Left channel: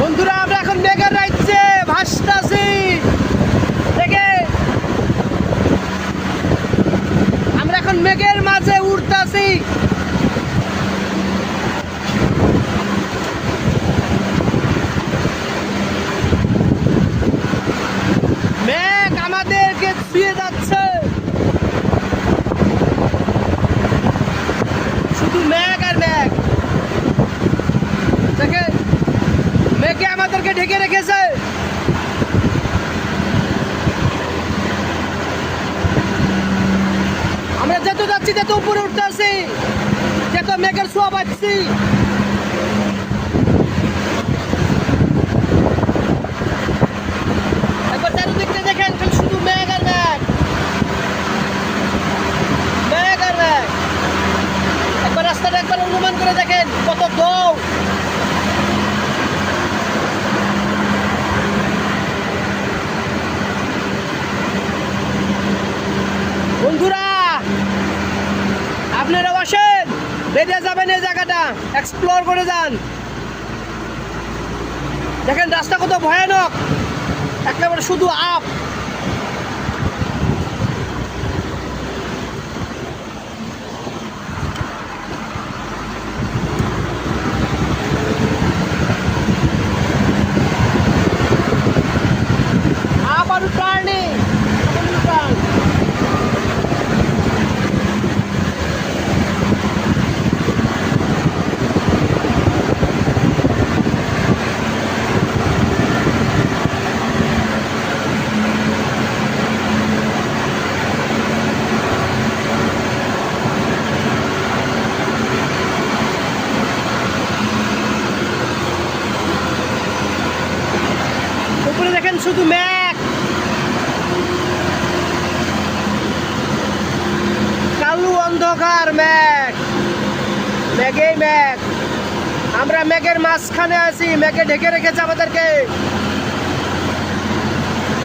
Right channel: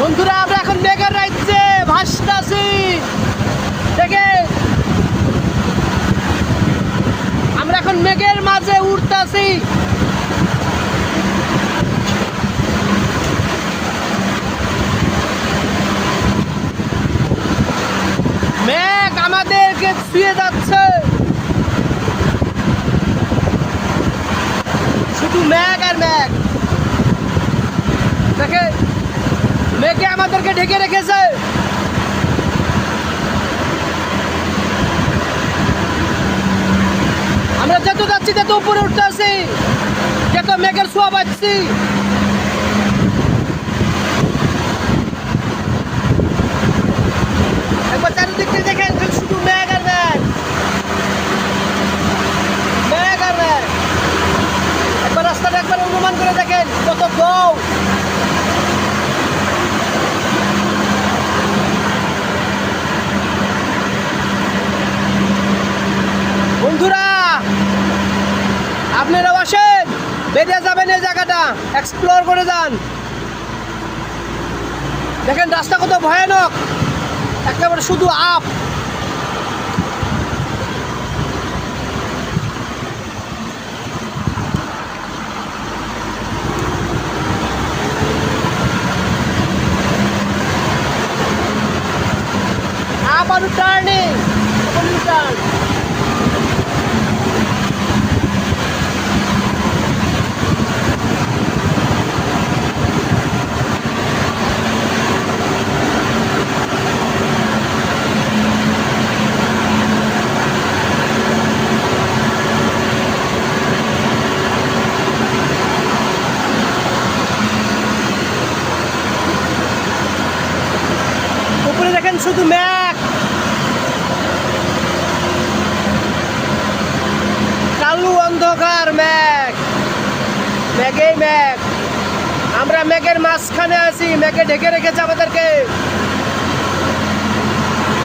বন্ধুরা আমরা এখন মেঘের রাজ্যে ভাসতাছি। দেখে আমরা এখন মেঘের মাঝে উড়তাছি। মেঘ আমাদেরকে ছুঁয়ে যাচ্ছে, শুধু মেঘ আর মেঘ। দেখে মেঘে আমাদেরকে ঢেকে রেখেছে। আমরা যত যাচ্ছি তত উপরে উঠতে আসি, যত মেঘের ছোঁয়া পাচ্ছি। একবার চারিদিকে দেখেন, শুধু মেঘ আর মেঘ, মেঘ আর মেঘ। একবার রাস্তাটা একবার অনুমান করে দেখেন কত দৌড়। বন্ধুরা আপনারাও আসেন, বেরিয়ে যাবেন এই জায়গাটা, এক্সপ্লোর করে যান। দেখেন রাস্তা কত ভয়ানক, একেবারে শুধু আপ। আবার টার্নিং, টার্ন। উপরে দেখেন শুধু মেঘ, কালো অন্ধকার মেঘ, মেঘেই মেঘ। আমরা মেঘের মাঝখানে আছি, মেঘে ঢেকে রেখেছে আমাদেরকে।